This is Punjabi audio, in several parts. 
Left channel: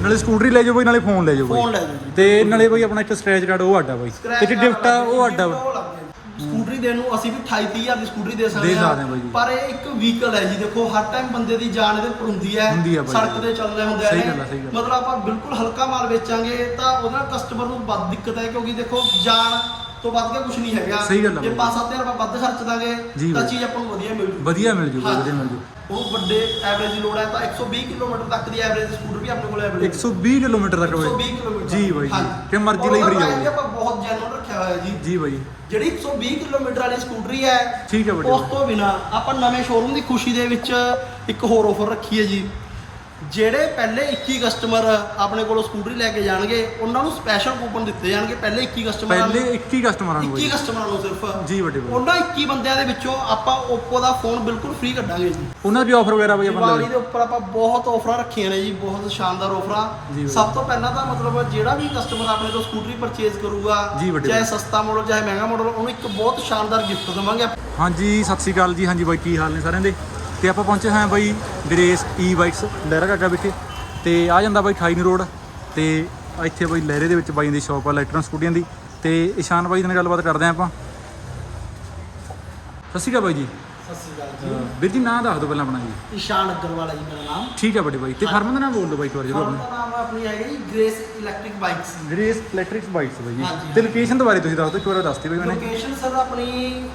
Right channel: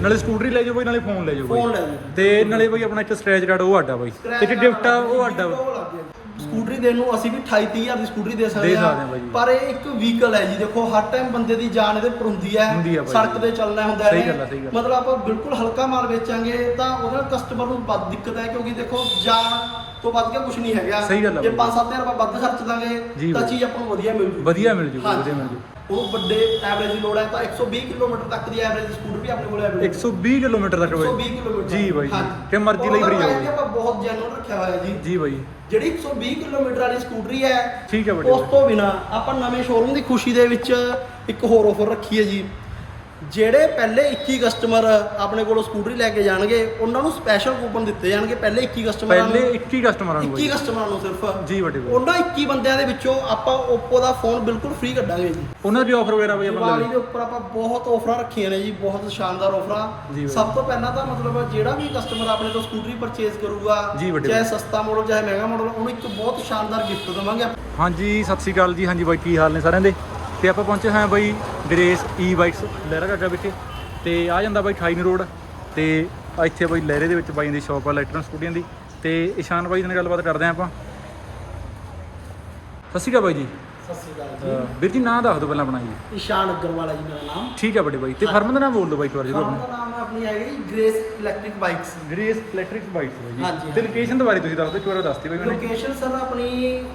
ਨਾਲੇ ਸਕੂਟਰੀ ਲੈ ਜਾਓ ਬਾਈ ਨਾਲੇ ਫੋਨ ਲੈ ਜਾਓ ਫੋਨ ਬਾਈ ਲੈ ਜਾਓ ਜੀ। ਤੇ ਨਾਲੇ ਬਾਈ ਆਪਣਾ ਇੱਕ ਸਕ੍ਰੈਚ ਕਾਰਡ ਉਹ ਆਡਾ ਬਾਈ ਤੇ ਇੱਕ ਗਿਫਟ ਆ ਉਹ ਆਡਾ ਵਾ। ਸਕੂਟਰੀ ਦੇਣ ਨੂੰ ਅਸੀਂ ਵੀ 28 30 ਹਜ਼ਾਰ ਦੀ ਸਕੂਟਰੀ ਦੇ ਸਕਦੇ ਦੇ ਸਕਦੇ ਹਾਂ ਬਾਈ ਜੀ। ਪਰ ਇਹ ਇੱਕ ਵਹੀਕਲ ਹੈ ਜੀ ਦੇਖੋ ਹਰ ਟਾਈਮ ਬੰਦੇ ਦੀ ਜਾਨ ਇਹਦੇ ਪਰ ਹੁੰਦੀ ਹੈ ਹੁੰਦੀ ਹੈ ਬਾਈ ਸੜਕ ਜੀ। ਤੇ ਚੱਲਣਾ ਹੁੰਦਾ ਸਹੀ ਇਹਨੇ। ਗੱਲ ਹੈ, ਸਹੀ ਗੱਲ। ਮਤਲਬ ਆਪਾਂ ਬਿਲਕੁਲ ਹਲਕਾ ਮਾਲ ਵੇਚਾਂਗੇ ਤਾਂ ਉਹਦੇ ਨਾਲ ਕਸਟਮਰ ਨੂੰ ਵੱਧ ਦਿੱਕਤ ਹੈ ਕਿਉਂਕਿ ਦੇਖੋ ਜਾਨ ਤੋਂ ਵੱਧ ਕੇ ਕੁਝ ਨਹੀਂ ਹੈਗਾ। ਸਹੀ ਗੱਲ ਹੈ ਜੇ ਬਾਈ। 5-7000 ਰੁਪਏ ਵੱਧ ਖਰਚ ਜੀ ਦਾਂਗੇ ਤਾਂ ਬਾਈ। ਚੀਜ਼ ਆਪਾਂ ਨੂੰ ਵਧੀਆ ਮਿਲ ਜੂ। ਵਧੀਆ ਮਿਲ ਜੂ ਹਾਂਜੀ। ਵਧੀਆ ਮਿਲ ਜੂ। ਉਹ ਵੱਡੇ ਐਵਰੇਜ ਦੀ ਲੋੜ ਹੈ ਤਾਂ 120 ਕਿਲੋਮੀਟਰ ਤੱਕ ਦੀ ਐਵਰੇਜ ਸਕੂਟਰ ਵੀ ਆਪਣੇ ਕੋਲ ਅਵੇਲੇਬਲ 120 ਕਿਲੋਮੀਟਰ ਤੱਕ 120 ਬਾਈ ਕਿਲੋਮੀਟਰ। ਜੀ ਬਾਈ ਜੀ ਹਾਂਜੀ। ਕਿ ਮਰਜ਼ੀ ਲਈ ਫਰੀ ਹੋਵੇ ਆਪਾਂ ਬਹੁਤ ਜੈਨੂਨ ਰੱਖਿਆ ਹੋਇਆ ਜੀ। ਜੀ ਬਾਈ। ਜਿਹੜੀ 120 ਕਿਲੋਮੀਟਰ ਵਾਲੀ ਸਕੂਟਰੀ ਹੈ ਠੀਕ ਹੈ ਵੱਡੇ ਉਸ ਤੋਂ ਬਿਨਾ ਆਪਾਂ ਨਵੇਂ ਸ਼ੋਰੂਮ ਦੀ ਖੁਸ਼ੀ ਦੇ ਵਿੱਚ ਇੱਕ ਹੋਰ ਆਫਰ ਰੱਖੀ ਹੈ ਜੀ। ਜਿਹੜੇ ਪਹਿਲੇ 21 ਕਸਟਮਰ ਆਪਣੇ ਕੋਲੋਂ ਸਕੂਟਰੀ ਲੈ ਕੇ ਜਾਣਗੇ ਉਹਨਾਂ ਨੂੰ ਸਪੈਸ਼ਲ ਕੂਪਨ ਦਿੱਤੇ ਜਾਣਗੇ ਪਹਿਲੇ 21 ਕਸਟਮਰਾਂ ਪਹਿਲੇ ਨੂੰ 21 ਕਸਟਮਰਾਂ ਨੂੰ 21 ਬਾਈ। ਕਸਟਮਰਾਂ ਨੂੰ ਸਿਰਫ। ਜੀ ਵੱਡੇ ਬਾਈ। ਉਹਨਾਂ 21 ਬੰਦਿਆਂ ਦੇ ਵਿੱਚੋਂ ਆਪਾਂ Oppo ਦਾ ਫੋਨ ਬਿਲਕੁਲ ਫ੍ਰੀ ਕੱਢਾਂਗੇ ਜੀ। ਉਹਨਾਂ ਦੀ ਆਫਰ ਵਗੈਰਾ ਬਾਈ ਆਪਾਂ ਲਵੇ ਦੇ ਉੱਪਰ ਆਪਾਂ ਬਹੁਤ ਆਫਰਾਂ ਰੱਖੀਆਂ ਨੇ ਜੀ ਬਹੁਤ ਸ਼ਾਨਦਾਰ ਆਫਰਾਂ। ਸਭ ਤੋਂ ਪਹਿਲਾਂ ਤਾਂ ਮਤਲਬ ਜਿਹੜਾ ਵੀ ਕਸਟਮਰ ਆਪਣੇ ਤੋਂ ਸਕੂਟਰੀ ਪਰਚੇਜ਼ ਕਰੂਗਾ ਚਾਹੇ। ਸਸਤਾ ਮਾਡਲ ਚਾਹੇ ਮਹਿੰਗਾ ਮਾਡਲ ਉਹਨੂੰ ਇੱਕ ਬਹੁਤ ਸ਼ਾਨਦਾਰ ਗਿਫਟ ਦੇਵਾਂਗੇ। ਹਾਂਜੀ ਸਤਿ ਸ਼੍ਰੀ ਅਕਾਲ ਜੀ। ਹਾਂਜੀ ਬਾਈ ਕੀ ਹਾਲ ਨੇ ਸਾਰਿਆਂ ਦੇ? ਤੇ ਆਪਾਂ ਪਹੁੰਚੇ ਹਾਂ ਬਾਈ ਗ੍ਰੇਸ ਈ ਬਾਈਕਸ ਲਹਿਰਾ ਕਾਕਾ ਵਿਖੇ। ਤੇ ਆ ਜਾਂਦਾ ਬਾਈ 28 ਰੋਡ ਤੇ ਇੱਥੇ ਬਾਈ ਲਹਿਰੇ ਦੇ ਵਿੱਚ ਬਾਈ ਦੀ ਸ਼ਾਪ ਆ ਇਲੈਕਟ੍ਰੋਨ ਸਕੂਟੀਆਂ ਦੀ। ਤੇ ਇਸ਼ਾਨ ਬਾਈ ਦੇ ਨਾਲ ਗੱਲਬਾਤ ਕਰਦੇ ਹਾਂ ਆਪਾਂ। ਸਤਿ ਸ਼੍ਰੀ ਅਕਾਲ ਬਾਈ ਜੀ। ਸਤਿ ਸ਼੍ਰੀ ਅਕਾਲ ਅਹ ਵੀਰ ਜੀ ਨਾਂ ਦੱਸ ਦਿਓ ਪਹਿਲਾਂ ਆਪਣਾ ਜੀ। ਇਸ਼ਾਨ ਅਗਰਵਾਲ ਹੈ ਜੀ ਮੇਰਾ ਨਾਮ। ਠੀਕ ਹੈ ਵੱਡੇ ਬਾਈ ਤੇ ਫਰਮ ਦਾ ਨਾਮ ਬੋਲ ਦਿਓ ਬਾਈ ਇੱਕ ਵਾਰ ਜਰੂਰ ਫਰਮ ਆਪਣਾ ਦਾ ਨਾਮ ਆਪਣੀ ਹੈਗੀ ਜੀ Grace electric bikes Grace electric bikes ਬਾਈ ਤੇ। ਲੋਕੇਸ਼ਨ ਬਾਰੇ ਤੁਸੀਂ ਦੱਸ ਦਿਓ ਇੱਕ ਵਾਰ ਦੱਸਤੀ ਬਾਈ ਮੈਨੇ ਲੋਕੇਸ਼ਨ ਸਰ ਆਪਣੀ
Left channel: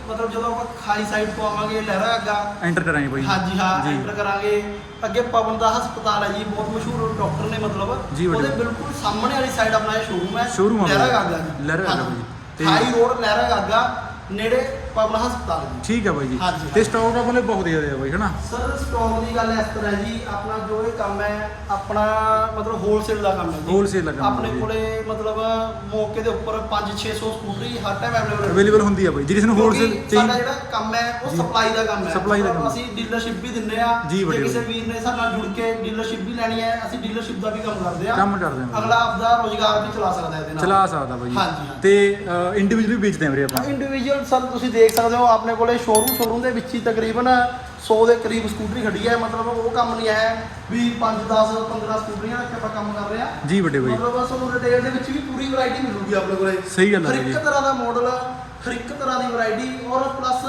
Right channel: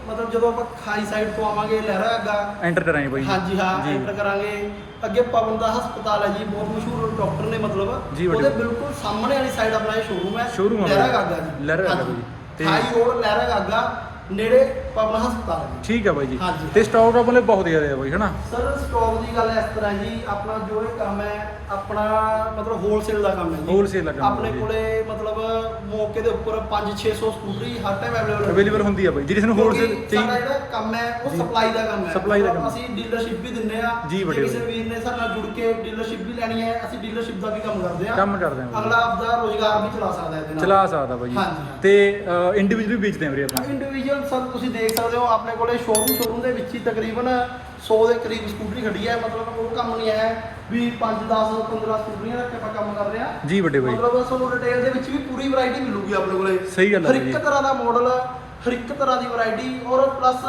ਮਤਲਬ ਜਦੋਂ ਆਪਾਂ ਖਾਈ ਸਾਈਡ ਤੋਂ ਆਵਾਂਗੇ ਲਹਿਰਾ ਅੱਗਾ ਐਂਟਰ ਕਰਾਂਗੇ ਬਾਈ ਹਾਂਜੀ ਹਾਂ। ਐਂਟਰ ਕਰਾਂਗੇ। ਅੱਗੇ ਪਵਨ ਦਾ ਹਸਪਤਾਲ ਹੈ ਜੀ ਬਹੁਤ ਮਸ਼ਹੂਰ ਡਾਕਟਰ ਨੇ ਮਤਲਬ। ਉਹਦੇ ਬਿਲਕੁਲ ਸਾਹਮਣੇ ਵਾਲੀ ਸਾਈਡ ਆਪਣਾ ਇਹ ਸ਼ੋਰੂਮ ਹੈ। Showroom ਆ ਲਹਿਰਾ। ਗਾਗਾ ਜੀ। ਲਹਿਰਾ ਗਾਗਾ ਬਾਈ। ਤੇ- ਹਾਈ ਰੋਡ ਲਹਿਰਾ ਗਾਗਾ ਨੇੜੇ ਪਵਨ ਹਸਪਤਾਲ ਜੀ ਠੀਕ ਹੈ ਬਾਈ ਜੀ ਹਾਂਜੀ, ਤੇ। ਸਟਾਕ ਆਪਣੇ ਬਹੁਤ ਜ਼ਿਆਦਾ ਹੈ ਬਾਈ ਹਨਾ ਸਰ ਸਟੋਰ ਦੀ ਗੱਲ ਇਸ ਤਰ੍ਹਾਂ ਜੀ ਆਪਣਾ ਜੋ ਇਹ ਕੰਮ ਹੈ ਆਪਣਾ ਮਤਲਬ ਹੋਲਸੇਲ ਦਾ ਕੰਮ ਹੈ ਜੀ Wholesale ਦਾ ਕੰਮ ਆਪਣੇ ਜੀ। ਕੋਲੇ ਮਤਲਬ ਮੌਕੇ ਦੇ ਉੱਪਰ 5-600 ਸਕੂਟਰੀ ਹਰ ਟਾਈਮ ਅਵੇਲੇਬਲ ਅਵੇਲੇਬਲ ਹੁੰਦੀ ਆ ਬਾਈ ਜਿਹਦੇ ਨੂੰ ਹੋਲਸੇਲ ਸਾਡਾ ਜਿਹੜਾ ਕੰਮ ਹੈ ਉਹ ਜੀ। ਸਪਲਾਈ ਦਾ ਕੰਮ ਹੈ Supply ਦਾ ਮਤਲਬ ਕੰਮ। ਅਸੀਂ ਡੀਲਰਸ਼ਿਪ ਵੀ ਦਿੰਦੇ ਆ ਜੀ, ਵੱਡੇ ਕਿਸੇ। ਵੀਰ ਨੇ ਸਾਡੇ ਨਾਲ ਜੁੜ ਕੇ ਡੀਲਰਸ਼ਿਪ ਵੀ ਲੈਣੀ ਹੈ ਅਸੀਂ ਡੀਲਰਸ਼ਿਪ ਦਾ ਵੀ ਕੰਮ ਕਰਦੇ ਆ ਕੰਮ ਕਰਦੇ ਆ ਬਾਈ ਅਗਲਾ ਆਪਦਾ ਰੋਜ਼ਗਾਰ ਵੀ ਚਲਾ ਸਕਦਾ ਇਹਦੇ ਨਾਲ ਚਲਾ ਸਕਦਾ ਬਾਈ ਜੀ ਹਾਂਜੀ, ਹਾਂਜੀ। ਤੇ ਇੰਡੀਵਿਜੂਅਲੀ ਵੇਚਦੇ ਆ ਵੀਰੇ ਆਪਾਂ ਇੰਡੀਵਿਜੂਅਲ ਸਰ ਤੁਸੀਂ ਦੇਖ ਸਕਦੇ ਹੋ ਆਪਣੇ ਕੋਲੇ ਸ਼ੋਰੂਮ ਸ਼ੋਰੂਮ ਦੇ ਵਿੱਚ ਹੀ ਤਕਰੀਬਨ 100 ਦੇ ਕਰੀਬ ਸਕੂਟਰੀ ਖੜੀ ਹੈ। ਮਤਲਬ ਉਹ ਕੰਮ ਨਹੀਂ ਹੈ ਵੀ 5 10 15 ਸਕੂਟਰੀਆਂ ਰੱਖ ਕੇ ਆਪਾਂ ਕੰਮ ਕਰ ਰਹੇ ਜੀ ਵੱਡੇ ਬਾਈ। ਮਤਲਬ ਤੁਹਾਨੂੰ ਰਿਟੇਲ ਦੇ ਵਿੱਚ ਵੀ ਪੂਰੀ ਵੈਰਾਈਟੀ ਮਿਲੂਗੀ ਆਪਣੇ ਕੋਲੇ। ਸਹੀ ਗੱਲ ਹੈ ਹਰ ਬਾਈ ਇੱਕ ਜੀ ਤਰ੍ਹਾਂ ਦਾ ਮਾਡਲ ਹਰ ਇੱਕ ਤਰ੍ਹਾਂ ਦੀ ਵੈਰਾਈਟੀ ਔਰ ਪਲੱਸ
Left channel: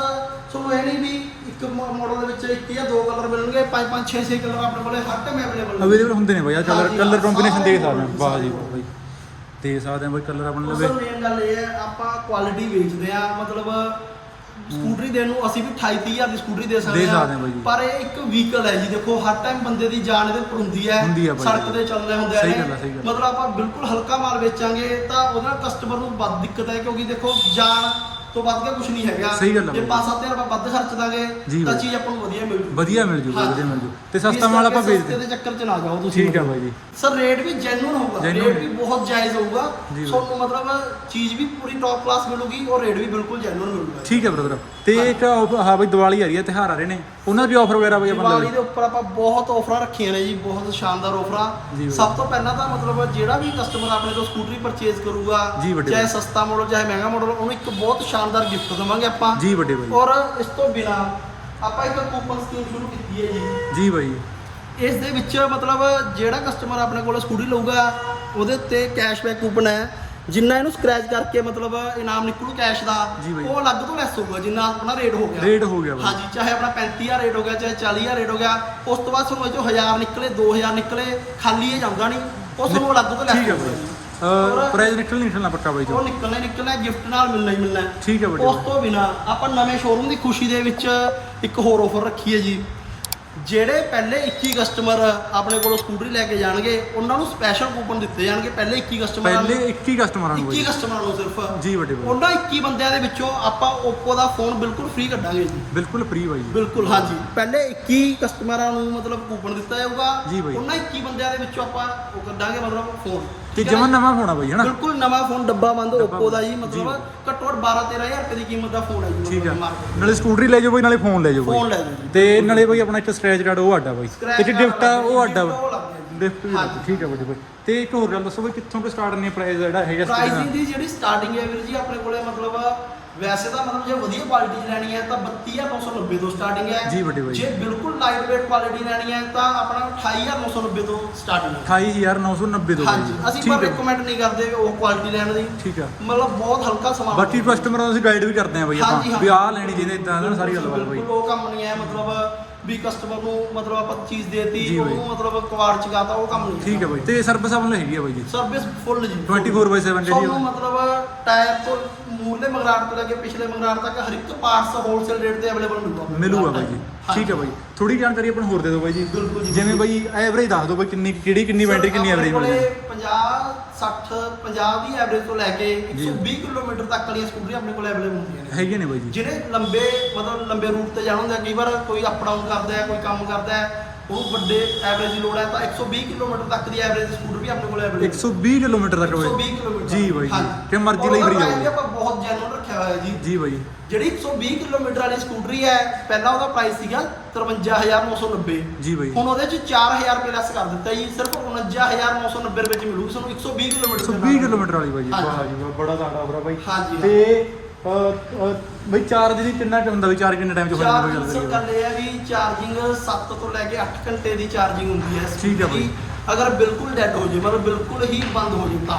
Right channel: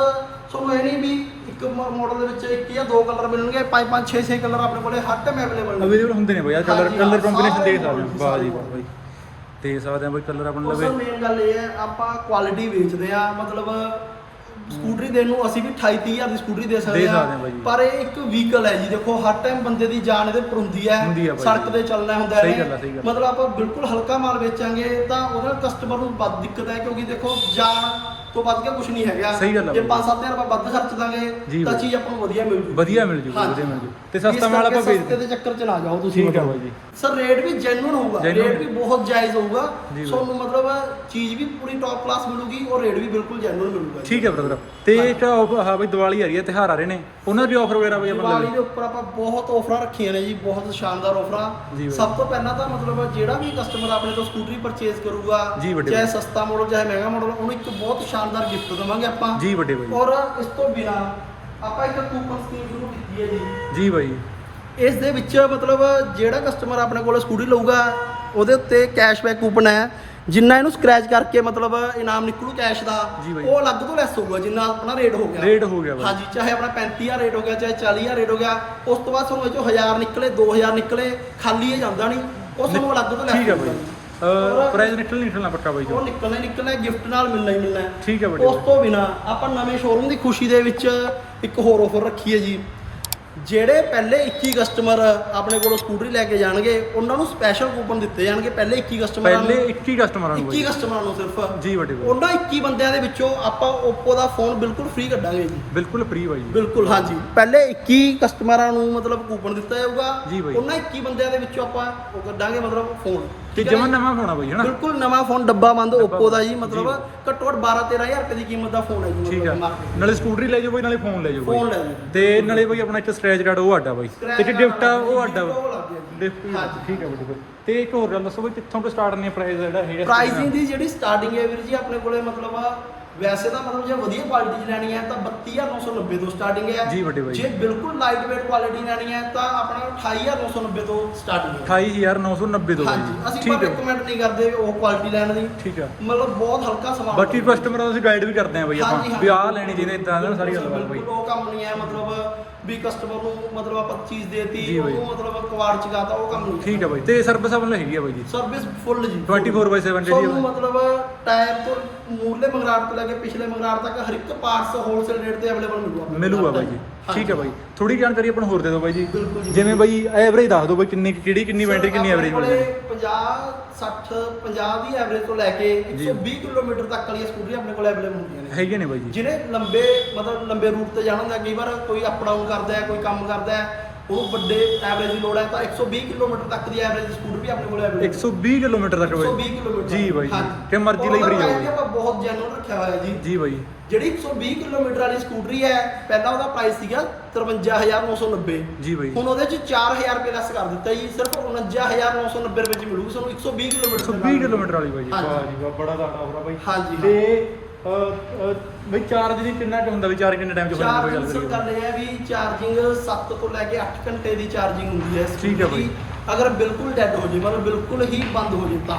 ਤੁਹਾਨੂੰ ਇਹ ਨਹੀਂ ਵੀ ਇੱਕ ਮਾਡਲ ਦੇ ਵਿੱਚ ਇੱਕ ਜਾਂ ਦੋ ਕਲਰ ਮਿਲਣਗੇ ਪੰਜ ਪੰਜ 6 6 ਕਲਰ ਆਪਣੇ ਕੋਲੇ ਹਰ ਟਾਈਮ ਅਵੇਲੇਬਲ ਨੇ। ਅਵੇਲੇਬਲ ਹੁੰਦੇ ਨੇ ਬਾਈ ਆ ਕਲਰ ਕਲਰ ਕੰਬੀਨੇਸ਼ਨ ਦੇ ਸਾਰੇ ਸਕਦੇ ਵਾਹ ਜੀ ਵਾਹ ਬਾਈ। ਦੇ ਸਕਦੇ ਆ ਬਾਈ ਕਲਰ ਆਪਾਂ ਨੂੰ ਉਸ ਲਵੇ ਮੇਨ ਗੱਲ ਇਹ ਹੈ ਆਪਾਂ ਕੁਆਲਿਟੀ ਵੇਚਦੇ ਆ ਮਤਲਬ ਸਕੂਟਰੀ ਦੇਣ ਨੂੰ ਅਸੀਂ ਵੀ 28 30 ਹਜ਼ਾਰ ਦੀ ਸਕੂਟਰੀ ਦੇ ਸਕਦੇ ਦੇ ਸਕਦੇ ਹਾਂ ਬਾਈ ਜੀ। ਪਰ ਇਹ ਇੱਕ ਵਹੀਕਲ ਹੈ ਜੀ ਦੇਖੋ ਹਰ ਟਾਈਮ ਬੰਦੇ ਦੀ ਜਾਨ ਇਹਦੇ ਪਰ ਹੁੰਦੀ ਹੈ ਹੁੰਦੀ ਹੈ ਬਾਈ ਸੜਕ ਜੀ। ਤੇ ਚੱਲਣਾ ਹੁੰਦਾ ਸਹੀ ਇਹਨੇ। ਗੱਲ ਹੈ, ਸਹੀ ਗੱਲ। ਮਤਲਬ ਆਪਾਂ ਬਿਲਕੁਲ ਹਲਕਾ ਮਾਲ ਵੇਚਾਂਗੇ ਤਾਂ ਉਹਦੇ ਨਾਲ ਕਸਟਮਰ ਨੂੰ ਵੱਧ ਦਿੱਕਤ ਹੈ ਕਿਉਂਕਿ ਦੇਖੋ ਜਾਨ ਤੋਂ ਵੱਧ ਕੇ ਕੁਝ ਨਹੀਂ ਹੈਗਾ। ਸਹੀ ਗੱਲ ਹੈ ਜੇ ਬਾਈ। 5-7000 ਰੁਪਏ ਵੱਧ ਖਰਚ ਦਾਂਗੇ ਤਾਂ। ਚੀਜ਼ ਆਪਾਂ ਨੂੰ ਵਧੀਆ ਮਿਲ ਜੂ ਵਧੀਆ ਮਿਲ ਜੂ। ਵਧੀਆ ਮਿਲ ਜੂ ਤੇ ਸਸਤਾ ਮਾਲ ਆਪਾਂ ਸਸਤੇ ਦੇ ਚੱਕਰ 'ਚ ਨਾ ਜਾਓ ਤੁਸੀਂ ਠੀਕ ਹੈ ਮਤਲਬ। ਬਾਈ ਜੀ। ਸਰ ਰੇਟ ਵੀ ਜੈਨੂਨ ਹੋਊਗਾ। ਰੇਟ ਵੀ ਬਹੁਤ ਜਾਇਜ਼ ਹੋਊਗਾ। ਤੁਹਾਨੂੰ ਮਤਲਬ ਚੀਜ਼ ਵੀ ਪੂਰੀ ਟੌਪ ਕਲਾਸ ਮਿਲੂਗੀ ਔਰ ਰੇਟ ਵੀ ਬਿਲਕੁਲ ਜੈਨੂਨ ਮਿਲੂਗਾ। ਠੀਕ ਹੈ ਬ੍ਰਦਰ ਤੇ ਇੱਕ ਹਾਂ ਬਾਈ ਦੀਵਾਲੀ ਆ ਰਹੀ ਹੈ ਤਿਉਹਾਰ ਆ ਰਹੇ ਨੇ। ਉਹਨਾਂ ਦੀ ਆਫਰ ਵਗੈਰਾ ਬਾਈ ਆਪਾਂ ਦੀਵਾਲੀ ਲਵੇ ਦੇ ਉੱਪਰ ਆਪਾਂ ਬਹੁਤ ਆਫਰਾਂ ਰੱਖੀਆਂ ਨੇ ਜੀ ਬਹੁਤ ਸ਼ਾਨਦਾਰ ਆਫਰਾਂ। ਸਭ ਤੋਂ ਪਹਿਲਾਂ ਤਾਂ ਮਤਲਬ ਜਿਹੜਾ ਵੀ ਕਸਟਮਰ ਆਪਣੇ ਤੋਂ ਸਕੂਟਰੀ ਪਰਚੇਜ਼ ਕਰੂਗਾ ਚਾਹੇ। ਸਸਤਾ ਮਾਡਲ ਚਾਹੇ ਮਹਿੰਗਾ ਮਾਡਲ ਉਹਨੂੰ ਇੱਕ ਬਹੁਤ ਸ਼ਾਨਦਾਰ ਗਿਫਟ ਦੇਵਾਂਗੇ ਆਪਾਂ। ਜੀ ਵੱਡੇ ਬਾਈ। ਔਰ ਇਸ ਤੋਂ ਬਿਨਾ ਆਪਾਂ ਇੱਕ ਕੂਪਨ ਸਕੀਮ ਸ਼ੁਰੂ ਕੀਤੀ ਹੈ ਜੀ। ਜੀ ਬਾਈ। ਇਸ ਦੇ ਵਿੱਚ ਮਤਲਬ ਜਿਹੜਾ ਕਸਟਮਰ ਆਪਣੇ ਕੋਲ ਸਕੂਟੀ ਲਊਗਾ ਉਹਦੇ ਉੱਤੇ ਕੈਸ਼ਬੈਕ ਕੂਪਨ ਹੈ। ਜਿੰਨਾ ਇਹਨੂੰ ਸਕ੍ਰੈਚ ਕਰਕੇ ਮਤਲਬ ਇਨਾਮ ਨਿਕਲੂ ਕੈਸ਼ ਦਾ ਜੀ। ਉਹ ਅਲੱਗ ਤੋਂ ਲੈਸ ਹੋਊਗਾ ਜਿੰਨਾ ਆਪਣਾ ਰੇਟ ਹੋ ਗਿਆ। ਰੇਟ ਹੋ ਗਿਆ ਬਾਈ। ਹਾਂਜੀ ਚਾਹੇ ਆਪਣਾ 35000 ਰੇਟ ਹੋ ਗਿਆ ਚਾਹੇ 40000 ਰੇਟ ਹੋ ਗਿਆ ਉਸ ਤੋਂ ਬਾਅਦ ਤੁਹਾਨੂੰ ਇਹ ਚੋਂ 1000 ਨਿਕਲੇ 2000 ਨਿਕਲੇ ਖਾਲੀ ਇਹ ਜਾਂਦਾ ਨਹੀਂ। ਉਹ ਤੁਹਾਨੂੰ ਅਲੱਗ ਤੋਂ ਲੈਸ ਠੀਕ ਹੈ ਬਾਈ। ਪ੍ਰਾਈਸ ਨਿਕਲ ਨਹੀਂ ਨਿਕਲਣਾ ਪੱਕਾ ਬਾਈ ਉਹ ਜੋ ਨਿਕਲਣਾ ਹੀ ਨਿਕਲਣਾ ਗਿਫਟ ਨਾਲ ਮਿਲਣਾ ਹੀ ਮਿਲਣਾ। ਠੀਕ ਹੈ ਵੱਡੇ ਉਸ ਤੋਂ ਬਿਨਾ ਆਪਾਂ ਨਵੇਂ ਸ਼ੋਰੂਮ ਦੀ ਖੁਸ਼ੀ ਦੇ ਵਿੱਚ ਇੱਕ ਹੋਰ ਆਫਰ ਰੱਖੀ ਹੈ ਜੀ। ਜਿਹੜੇ ਪਹਿਲੇ 21 ਕਸਟਮਰ ਆਪਣੇ ਕੋਲੋਂ ਸਕੂਟਰੀ ਲੈ ਕੇ ਜਾਣਗੇ ਉਹਨਾਂ ਨੂੰ ਸਪੈਸ਼ਲ ਕੂਪਨ ਦਿੱਤੇ ਜਾਣਗੇ ਪਹਿਲੇ 21 ਕਸਟਮਰਾਂ ਪਹਿਲੇ ਨੂੰ 21 ਕਸਟਮਰਾਂ ਨੂੰ 21 ਬਾਈ। ਕਸਟਮਰਾਂ ਨੂੰ ਸਿਰਫ। ਜੀ ਵੱਡੇ ਬਾਈ। ਉਹਨਾਂ 21 ਬੰਦਿਆਂ ਦੇ ਵਿੱਚੋਂ ਆਪਾਂ Oppo ਦਾ ਫੋਨ ਬਿਲਕੁਲ ਫ੍ਰੀ ਕੱਢਾਂਗੇ ਜੀ। ਬਿਲਕੁਲ ਫ੍ਰੀ ਬਾਈ। ਜੀ ਬਿਲਕੁਲ ਹਾਂਜੀ। ਪਹਿਲੇ 21 ਕਸਟਮਰਾਂ ਨੂੰ ਮਤਲਬ ਕੂਪਨ ਦਿੱਤਾ ਜਾਊਗਾ। ਉਹਨਾਂ 21 ਬੰਦਿਆਂ ਦੇ ਵਿੱਚੋਂ ਆਪਾਂ ਉਹ ਕੱਢਾਂਗੇ ਮਤਲਬ ਫੋਨ ਤੇ ਨਾ? ਨਵਾਂ ਹੋਣਾ ਬਾਈ ਹਨਾ ਬਿਲਕੁਲ ਨਵਾਂ ਫੋਨ ਡੱਬਾ ਬੰਦ Oppo ਦਾ ਜੀ ਮਤਲਬ ਬਾਈ। ਘੱਟੋ ਘੱਟ 12 13000 ਰੁਪਏ ਦੀ ਕੀਮਤ ਦਾ ਫੋਨ ਹੈ ਜੀ ਠੀਕ ਆ ਮਤਲਬ ਮਾਰਕੀਟ ਨਾਲੇ ਸਕੂਟਰੀ ਲੈ ਜਾਓ ਬਾਈ ਨਾਲੇ ਫੋਨ ਲੈ ਜਾਓ ਫੋਨ ਬਾਈ ਲੈ ਜਾਓ ਜੀ। ਤੇ ਨਾਲੇ ਬਾਈ ਆਪਣਾ ਇੱਕ ਸਕ੍ਰੈਚ ਕਾਰਡ ਉਹ ਆਡਾ ਬਾਈ ਇੱਕ ਗਿਫਟ ਆ ਉਹ ਆਡਾ ਉਹ ਲੱਗ ਗਿਆ। ਗਿਫਟ ਵੀ ਹਾਂਜੀ। ਠੀਕ ਆ ਬਾਈ ਤੇ ਇੱਕ ਹੋਰ ਗੱਲ ਦੱਸੋ ਬਾਈ ਕਿੱਥੋਂ ਤੋਂ ਸਟਾਰਟ ਨੇ ਪ੍ਰਾਈਸ ਜਿਹੜਾ ਹੈਗਾ ਪ੍ਰਾਈਸਿੰਗ ਦੀ ਜਿਹੜੀ ਸਟਾਰਟਿੰਗ ਹੈ ਵੀਰ ਜੀ ਆਪਣੇ ਕੋਲੇ ਮਤਲਬ ਵੈਸੇ ਤਾਂ ਮਤਲਬ ਜੇ ਵਧੀਆ ਕੁਆਲਿਟੀ ਲੈਣੀ ਹੈ ਤਾਂ 32990 ਤੋਂ ਸਟਾਰਟਿੰਗ ਹੈ। ਜੀ ਵੱਡੇ ਬਾਈ। ਜੇ ਬਿਲਕੁਲ ਲਾਈਟ weight ਕੁਆਲਿਟੀ ਲੈਣੀ ਹੈ ਤਾਂ ਆਪਣਾ 28990 ਤੋਂ ਸਟਾਰਟਿੰਗ ਹੈ। 28990 ਦੋ ਬਾਈ ਹਾਂਜੀ ਅਸੀਂ ਪਰ ਰეკਮੈਂਡ ਨਹੀਂ ਕਰਦੇ ਉਹ ਕੁਆਲਿਟੀ ਲੈਣ ਦੀ। ਠੀਕ ਆ ਮਤਲਬ ਬਹੁਤ ਹਲਕਾ ਸਮਾਨ ਬਾਕੀ ਕਸਟਮਰਾਂ ਨੂੰ ਅਸੀਂ ਗਾਈਡ ਵੀ ਕਰਦੇ ਆ ਬਾਈ ਆਪਾਂ। ਵੀ ਆਹ ਲੈਣੀ ਚਾਹੀਦੀ ਇਦਾਂ ਸਾਰੀ ਗੱਲਬਾਤ ਬਾਈ। ਬਿਲਕੁਲ ਉਹ ਕੰਮ ਨਹੀਂ ਹੈ ਮਤਲਬ ਵੀ ਕਸਟਮਰ ਨੂੰ ਮਤਲਬ ਆਪਾਂ ਚੀਜ਼ ਦੇਤੀ ਜੀ ਬਾਈ। ਉਹਨੂੰ ਮਤਲਬ ਕਵਾੜ ਚਗਾਤਾ ਉਹ ਕੰਮ ਨਹੀਂ ਠੀਕ ਹੈ ਬਾਈ। ਤੇ ਸਰਵਿਸ ਆਪਣੀ ਹੈਗੀ ਆ ਬਾਈ ਜੀ? ਸਰਵਿਸ ਫੁੱਲ ਜੀ 24/7 ਜਿਹੜੀ ਤੁਹਾਨੂੰ ਮਤਲਬ ਟਾਇਰ ਤੋਂ ਮੂਰਲੇ ਮੰਗਰਾਟ ਤੋਂ ਲੈ ਕੇ ਪਿਛਲੇ ਮੰਗਰਾਟ ਤੱਕ ਹਰ ਇੱਕ ਪਾਰਟਸ ਹੋਲਸੇਲ ਰੇਟ ਤੇ ਅਵੇਲੇਬਲ ਮਿਲੂਗਾ। ਮਿਲੂਗਾ ਬਾਈ ਜੀ। ਠੀਕ ਹੈ ਬਾਈ। ਥੋੜੀ ਜਾਣਕਾਰੀ ਆਪਾਂ ਨੂੰ ਹੋਰ ਦੇ ਦਿਓ ਬਾਈ ਜੀ। ਬਿਲਕੁਲ ਜੀ। ਜਿਵੇਂ ਬਾਈ ਐਵਰੇਜ ਦੱਸ ਦਿਓ ਬਾਈ ਕਿੰਨੀ ਕਿਹੜੀ ਕਿੰਨੀ ਬੈਟਰੀ ਕਿੰਨੀ ਐਵਰੇਜ ਜਾਂਦੀ 50 60 50 ਦੀ ਐਵਰੇਜ ਤੋਂ ਲੈ ਕੇ ਜੀ। 120 ਕਿਲੋਮੀਟਰ ਤੱਕ ਵਾਲੀਆਂ ਸਕੂਟਰੀਆਂ ਆਪਣੇ ਕੋਲ ਅਵੇਲੇਬਲ ਹੁੰਦੀਆਂ ਨੇ ਹੈਗੇ ਨੇ ਬਾਈ ਜੀ ਜਿਹਨੇ ਲੰਬੇ ਮਤਲਬ ਲੰਬੇ ਰੂਟ ਤੇ ਜਾਣਾ ਹੁੰਦਾ ਕਈ ਵਾਰ ਕੋਈ ਅਪ ਡਾਊਨ ਕਰਦਾ ਹੈ ਕੋਈ ਕੰਮ ਕਰਦਾ ਹੈ ਉਹਨੂੰ ਵੱਡੇ ਐਵਰੇਜ ਦੀ ਲੋੜ ਹੈ ਤਾਂ 120 ਕਿਲੋਮੀਟਰ ਤੱਕ ਦੀ ਐਵਰੇਜ ਸਕੂਟਰ ਵੀ ਆਪਣੇ ਕੋਲ ਅਵੇਲੇਬਲ 120 ਕਿਲੋਮੀਟਰ ਤੱਕ 120 ਬਾਈ ਕਿਲੋਮੀਟਰ ਜੀ ਬਾਈ ਜੀ। ਕਿ ਮਰਜ਼ੀ ਲਈ ਫਰੀ ਬਾਈ ਆਪਾਂ ਬਹੁਤ ਜੈਨੂਨ ਰੱਖਿਆ ਹੋਇਆ ਜੀ। ਜੀ ਬਾਈ। ਜਿਹੜੀ 120 ਕਿਲੋਮੀਟਰ ਵਾਲੀ ਸਕੂਟਰੀ ਹੈ ਪਹਿਲਾਂ ਉਹਦਾ ਪ੍ਰਾਈਸ ਸੀਗਾ 53990 ਜੀ ਬਾਈ। ਹੁਣ ਉਹਦੇ ਚ 4000 ਰੁਪਏ ਲੈਸ ਕਰ ਦਿੱਤਾ ਜੀ ਸਿਰਫ 49990 ਰੁਪਏ ਚ ਮਿਲੂਗੀ ਤੁਹਾਨੂੰ 120 ਕਿਲੋਮੀਟਰ 120 ਕਿਲੋਮੀਟਰ ਵਾਲੀ ਬਾਈ ਜੀ। ਵਾਹ ਜੀ ਵਾਹ ਬੜਾ ਤਗੜਾ ਹੋਰਾ ਬਾਈ। ਹਾਂਜੀ, ਤੇ ਬਾਈ ਚਾਰਜ ਦੀ ਕਿੰਨਾ ਕੁ ਹੁੰਦਾ ਵੀ ਚਾਰ ਕਿੰਨੇ ਟਾਈਮ ਚ ਹੋ ਜਾਂਦਾ ਬਾਈ ਗੱਲ ਕਰੀਏ ਗੱਲ ਇਹ ਹੈ ਵੀ ਚਾਰਜਿੰਗ 7 ਤੋਂ ਲੈ ਕੇ 8 ਘੰਟੇ ਦੀ ਚਾਰਜਿੰਗ ਹੁੰਦੀ ਹੈ ਠੀਕ ਹੈ ਬਾਈ। ਅਗਰ ਬਿਲਕੁਲ ਡੈਡ ਹੋ ਜੇ ਮਤਲਬ ਬਿਲਕੁਲ ਹੀ ਬੰਦ ਹੋ ਜੇ ਤਾਂ।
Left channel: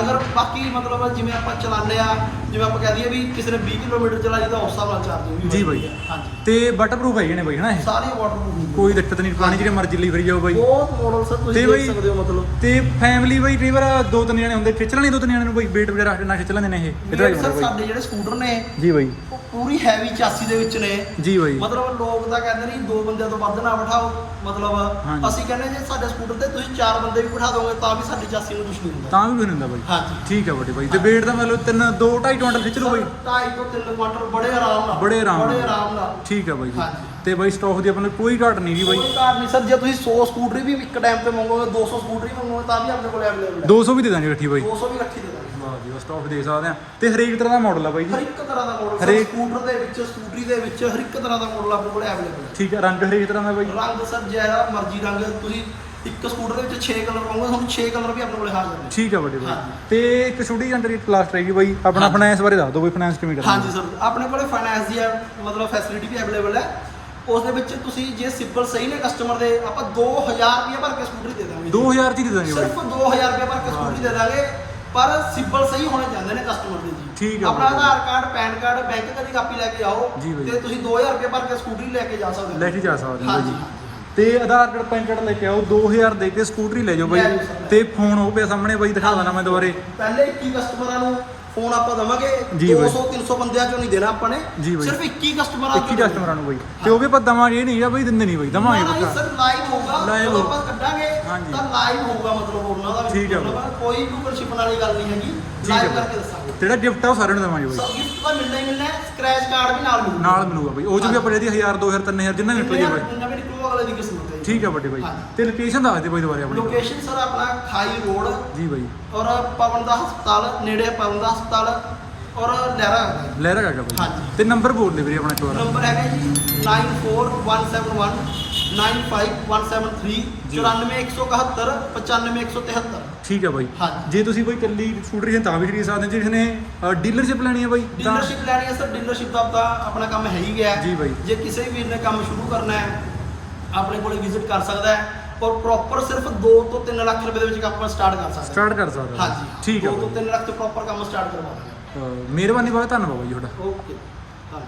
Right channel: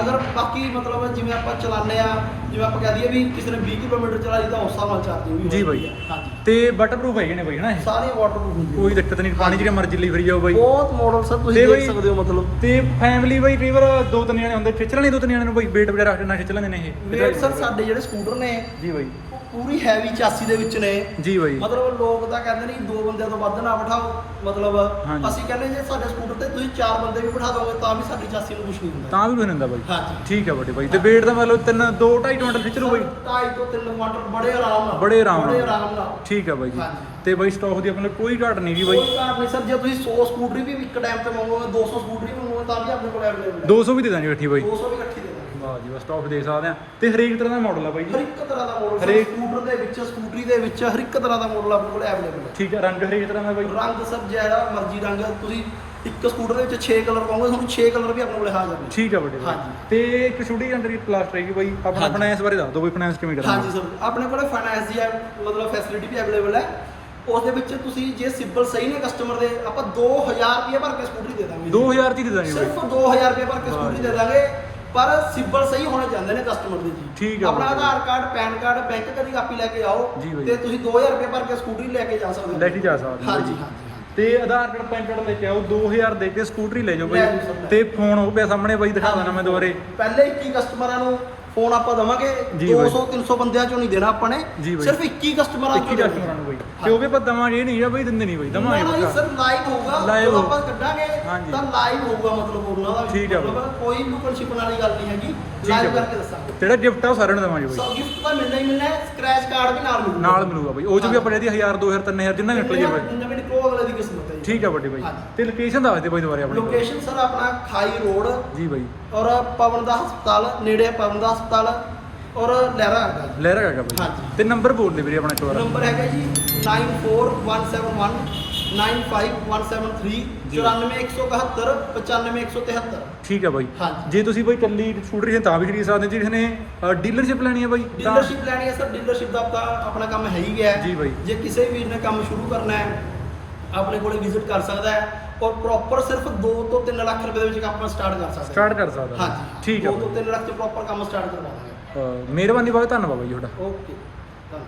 ਅਗਰ ਬਾਕੀ ਮਤਲਬ ਜਿਵੇਂ ਆਪਾਂ ਚਲਾਉਂਦੇ ਆ ਜਿਵੇਂ ਆਪਾਂ ਕਹਿ ਦਈਏ ਵੀ ਕਿਸੇ ਨੇ 20 ਕਿਲੋਮੀਟਰ ਚਲਾਈ ਤਾਂ ਉਸ ਹਿਸਾਬ ਨਾਲ ਚਾਰਜਿੰਗ ਜੀ ਬਾਈ। ਹਾਂਜੀ। ਤੇ ਵਾਟਰਪ੍ਰੂਫ ਹੈਗੇ ਨੇ ਬਾਈ ਹਨਾ ਇਹ? ਸਾਰੀਆਂ ਵਾਟਰਪ੍ਰੂਫ ਕੋਈ ਦਿੱਕਤ ਨਹੀਂ ਪਾਣੀ ਜਿਹੜੇ ਮਰਜ਼ੀ ਲਈ ਫਰੀ ਜਾਓ ਬਾਈ। ਬਹੁਤ ਮਾਡਲ ਸਰ ਤੇ ਤੁਸੀਂ ਦੇਖ ਸਕਦੇ ਹੋ ਤੇ ਫੈਮਿਲੀ ਬਾਈ ਕਈ ਵਾਰ ਦੋ ਤਿੰਨ ਜਣੇ ਹੁੰਦੇ ਖਿੱਚ ਲੈਣੇ ਦੋ ਤਿੰਨ ਜਣੇ ਨੂੰ ਬਾਈ weight ਵਗੈਰਾ ਨਾ ਖਿੱਚ ਲੈਂਦੇ ਨੇ ਇਹ। ਵੇਟ ਸਰ ਸਾਡੇ ਜਿਹੜੇ ਸਕੂਟਰ ਨੇ ਜੀ ਬਾਈ। ਉਹ ਪੂਰੀ ਹੈਵੀ ਚਾਸੀ ਦੇ ਵਿੱਚ ਨੇ। ਜੀ ਬਾਈ। ਮਤਲਬ ਲੋਕ ਤਾਂ ਕਹਿੰਦੇ ਨੇ ਕਿ ਦੋ ਬੰਦਿਆਂ ਤੋਂ ਵੱਧ ਨਾ ਬਿਠਾਓ ਮਤਲਬ। ਅਸੀਂ ਕਹਿੰਦੇ ਜੇ ਸਾਡੇ ਸਕੂਟਰ ਤੇ ਤੁਸੀਂ ਚਾਰ ਬੰਦੇ ਵੀ ਬਿਠਾ ਦੋਗੇ ਤਾਂ ਵੀ ਸਾਡੀ ਚਾਸੀ ਨੂੰ ਕੁਝ ਨਹੀਂ ਹੁੰਦਾ। ਤਾਂ ਵੀ ਕੁਛ ਨਹੀਂ ਹੁੰਦਾ ਬਾਈ। ਠੀਕ ਹੈ ਵੱਡੇ ਬਾਈ। ਤੇ weight ਦਾ ਮਤਲਬ ਤਿੰਨ 2 2.5 ਕੁਇੰਟਲ ਖਿੱਚ ਲਓ ਬਾਈ। ਢਾਈ ਤੋਂ 3 ਕੁਆਂਟਲ ਬੜੇ ਆਰਾਮ ਨਾਲ ਬੜੇ ਆਰਾਮ ਨਾਲ। ਠੀਕ ਹੈ ਬਾਈ ਜੀ। ਤੇ ਬਾਈ ਸਟਾਕ ਦੀ ਆਪਣੇ ਕੋਈ ਘਾਟ ਨਹੀਂ ਜੀ ਬਾਈ। ਕੋਈ ਕਾਰ ਨਹੀਂ। ਸਰ ਜੇ ਤੁਸੀਂ 100 ਸਕੂਟਰੀ ਵੀ ਇੱਕ ਟਾਈਮ ਤੇ ਮੰਗੋਗੇ 200 ਸਕੂਟਰੀ ਤਾਂ ਵੀ ਆਪਣੇ ਕੋਲ ਅਵੇਲੇਬਲ ਹੈ 200 ਵੀ ਦੇ ਦਾਂਗੇ ਇਕੱਠੀ ਬਾਈ। 200 ਵੀ ਇਕੱਠੀ ਦੇ ਦਾਂਗੇ। ਵਾਹ ਜੀ ਬਸ ਸਟਾਕ ਦੇਖ ਸਕਦੇ ਆ। ਤੇ ਹਰੇਕ ਤਰ੍ਹਾਂ ਦਾ ਮਾਡਲ ਆ ਬਾਈ ਹਰ ਜੀ ਇੱਕ ਤਰ੍ਹਾਂ ਦਾ ਮਾਡਲ ਹਰੇਕ- ਸਕੂਟਰ ਦੇ ਵਿੱਚ ਸਕੂਟਰੀ ਦੇ ਵਿੱਚ ਹਰ ਇੱਕ ਤਰ੍ਹਾਂ ਦਾ ਮਾਡਲ ਆਪਣੇ ਕੋਲ ਅਵੇਲੇਬਲ ਹੈ ਠੀਕ ਹੈ ਰੰਗ ਹਰੇਕ ਤਰ੍ਹਾਂ ਦਾ ਬਾਈ। ਰੰਗ ਸਰ ਜਿਹੜਾ ਮਰਜ਼ੀ ਰੰਗ ਤੁਸੀਂ ਇੱਕ ਸਕੂਟਰ ਦੇ ਵਿੱਚ 6 ਕਲਰ ਪਾਉਂਗੇ ਤੁਹਾਨੂੰ 6 ਕਲਰ ਵੀ ਆਪਣੇ ਕੋਲ ਹਾਜ਼ਰ ਨੇ ਠੀਕ ਹੈ ਵੱਡੇ ਬਾਈ। ਹਾਂਜੀ। ਤੇ ਇੱਕ ਛੋਟੀ ਜਾਣਕਾਰੀ ਕਲਾਸ ਰਹੇਗੀ ਬਾਈ। ਆਪਣਾ ਹਾਂਜੀ। ਫਾਈਨੈਂਸ ਬਾਰੇ ਦੱਸ ਦਿਓ ਬਾਈ ਫਾਈਨੈਂਸ ਕਿਵੇਂ ਹਾਂਜੀ ਕਰਾਂਗੇ ਸਰ ਆਪਣੇ ਕੋਲੇ ਫਾਈਨੈਂਸ ਦੀ ਮਤਲਬ ਫੈਸਿਲਿਟੀ ਵੀ ਅਵੇਲੇਬਲ ਹੈ ਉਸ ਦੇ ਵਿੱਚ ਤੁਸੀਂ ਜੇ ਸਿਬਲ ਸਹੀ ਨੇ ਕਸਟਮਰ ਦੇ ਆਪਾਂ 2000 ਰੁਪਏ ਭਰ ਕੇ ਸਕੂਟਰੀ ਦੇ ਦਾਂਗੇ 2000 ਚ ਹੀ ਦੇ ਦਾਂਗੇ ਬਾਈ ਸਿਰਫ 2000 ਰੁਪਏ ਭਰ ਕੇ ਸਕੂਟਰੀ। ਦੇ ਦਾਂਗੇ ਪਰ ਸਿਬਲ ਸਹੀ ਹੋਣੇ ਚਾਹੁੰਦੇ ਨੇ ਕਸਟਮਰ ਦੇ ਜੀ ਠੀਕ ਹੈ ਆਪਣਾ ਬਾਈ। Aadhaar card PAN card bank ਦੀ ਕਾਪੀ ਲੈ ਕੇ ਆਓ ਜੀ ਬਾਈ। ਤੇ ਤੁਸੀਂ 2000 ਰੁਪਏ ਭਰ ਕੇ ਸਕੂਟਰੀ ਲੈ ਕੇ ਜਾ ਸਕਦੇ ਹੋ ਲੈ ਕੇ ਜਾ ਸਕਦੇ ਹੋ ਬਾਈ ਹਾਂਜੀ ਜੀ ਹਾਂਜੀ ਤੇ ਆਧਾਰ ਕਾਰਡ ਪੈਨ ਕਾਰਡ ਲੈ ਕੇ ਆਓ 2000 ਦੇ ਕੇ ਸਕੂਟਰੀ ਲੈ ਜਾਓ ਲੈ ਬਾਈ ਜਾਓ ਸਰ, ਲੈ। ਤੇ ਫੋਨ ਉਹ ਪਿਆ ਸਾਹਮਣੇ ਬਾਈ ਦਿਖਾ ਦੇਣਾ ਮੈਂ ਦੁਬਾਰੇ। ਪਹਿਲੇ 21 ਕਸਟਮਰਾਂ ਨੂੰ ਫੋਨ ਆਪਾਂ ਦਵਾਂਗੇ। ਜੀ ਬਾਈ। 200 300 ਬੰਦਿਆਂ ਚੋਂ ਨਹੀਂ ਦੇਣਾ ਆਪਾਂ ਨੇ। ਜੀ ਬਾਈ। ਸਿਰਫ 21 ਕਸਟਮਰਾਂ 21 ਕਸਟਮਰਾਂ ਨੂੰ ਬਾਈ। ਤੇ ਉਹ ਵੀ ਆਪਾਂ ਦਵਾਂਗੇ ਇਹ ਨਹੀਂ ਆ ਬਾਈ ਦਿੰਦੇ ਨਹੀਂ ਬਾਈ ਦਵਾਂਗੇ ਪੱਕਾ। ਸਰ ਲਾਈਵ ਹੋਊਗਾ। Live ਜਦੋਂ ਹੋਊ। ਆਪਾਂ ਕੱਢਾਂਗੇ ਹਾਂਜੀ। ਤਾਂ ਲਾਈਵ ਹੋਊਗਾ ਮਤਲਬ ਉਹਨਾਂ ਦਾ ਵੀ ਠੀਕ ਹੈ ਮਤਲਬ ਕੋਈ ਲੁਕਣ ਵਾਲੀ ਗੱਲ ਨਹੀਂ ਹੈਗੀ। ਠੀਕ ਹੈ ਲਾਈਵ ਬਾਈ। ਕਰਕੇ ਦੱਸਾਂਗੇ। ਜਿਹੜਾ ਗਿਫਟ ਆ ਉਹ ਸਾਰਿਆਂ ਨੂੰ ਦਵਾਂਗੇ ਬਾਈ। ਸੋ ਗਿਫਟ ਤਾਂ ਮਿਲਣਾ ਹੀ ਮਿਲਣਾ ਹੈ। ਸਕ੍ਰੈਚ ਕਾਰਡ ਵੀ ਨਾਲ ਮਿਲੂਗਾ। ਨਾਲ ਮਿਲੂਗਾ ਬਾਈ। ਉਹ ਚ ਵੀ ਆਪਾਂ ਇਹਦੀ 1000 2000 3000 ਜਿੰਨਾ ਨਿਕਲ ਜੇ ਬਾਈ। ਨਵੇਂ ਨਿਕਲੋ ਅਗਲੇ ਦੀ ਕਿਸਮਤ ਹੈ ਜੀ। ਠੀਕ ਆ ਵੱਡੇ ਬਾਈ ਹਾਂਜੀ। ਤੇ ਲੋਕੇਸ਼ਨ ਦੱਸ ਦੇ ਬਾਈ ਦੁਬਾਰੇ ਆਪਣੀ ਲੋਕੇਸ਼ਨ ਸਰ ਆਪਣਾ ਖਾਈ ਰੋਡ ਜੀ ਬਾਈ ਔਰ ਪਵਨ ਦਾ ਹਸਪਤਾਲ ਨੇੜੇ ਪਵਨ ਦਾ ਹਸਪਤਾਲ ਔਰ ਲਹਿਰਾ ਹੈਗਾ ਜੀ। ਲਹਿਰਾ ਕਾਕਾ ਬਾਈ ਹਾਂਜੀ। ਤੇ ਨੰਬਰ ਬੋਲ ਦੇ ਵੀਰੇ ਆਪਣਾ ਵਾਰ ਨੰਬਰ ਹੈਗਾ ਜੀ 94171 95173 ਜੀ। 94171 95173 ਠੀਕ ਆ ਬਾਈ ਹਾਂਜੀ। ਜੇ ਤੁਸੀਂ ਬਾਈ ਕੱਲੀ ਸਕੂਟਰੀ ਹੈ ਤਾਂ ਵੀ ਖਰੀਦ ਸਕਦੇ ਜੇ ਕਿਸੇ ਨੇ ਡੀਲਰਸ਼ਿਪ ਲੈਣੀ ਹੈ ਬਾਈ ਤਾਂ ਡੀਲਰਸ਼ਿਪ ਲੈਣੀ ਹੈ ਸਰ ਡੀਲਰਸ਼ਿਪ ਦਾ ਤਾਂ ਆਪਣਾ ਕੰਮ ਹੈ ਹੀ ਗਿਆ ਹੈ। ਜੀ ਬਾਈ। ਜੇ ਕਿਸੇ ਵੀਰ ਨੇ ਕੰਮ ਸ਼ੁਰੂ ਕਰਨਾ ਹੈ ਆਪਣੇ ਕੋਲੇ ਵਿਜ਼ਿਟ ਕਰ ਸਕਦਾ ਹੈ ਔਰ ਪ੍ਰੋਪਰ ਸਿਰਫ 2 ਤੋਂ 3 ਲੱਖ ਰੁਪਏ ਦੇ ਵਿੱਚ ਆਪਾਂ ਸਟਾਰਟ ਕਰ ਸਕਦੇ ਸਟਾਰਟ ਕਰ ਸਕਦਾ। ਹਾਂਜੀ। ਠੀਕ ਆ 2 ਤੋਂ ਬਾਈ। 3 ਲੱਖ ਤੇ ਪ੍ਰੋਪਰ ਕੰਮ ਸਟਾਰਟ ਕਰਵਾ ਦਾਂਗੇ। ਮਿਹਰਬਾਨੀ ਬਾਈ ਧੰਨਵਾਦ ਬਾਈ ਤੁਹਾਡਾ। ਓਕੇ